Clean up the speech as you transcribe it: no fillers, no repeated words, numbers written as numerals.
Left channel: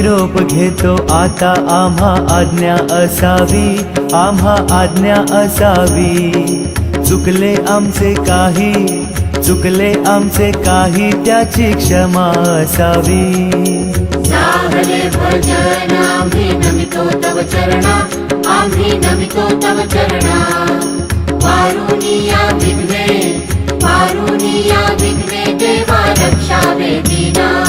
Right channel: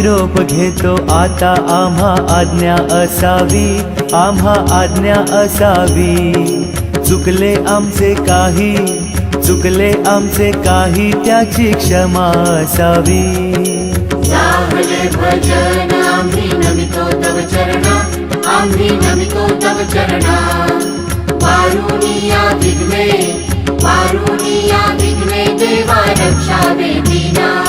निरोप घेतो आता, आम्हा आज्ञा असावी, आम्हा आज्ञा असावी. चुकले आमचे काही, चुकले आमचे काही, त्याची क्षमा असावी. लाभले भजन आम्ही नमितो तव चरणा, आम्ही नमितो तव चरणा. वारुणिया विघ्ने, वारुणिया विघ्ने, देवा रक्षा दे दीना.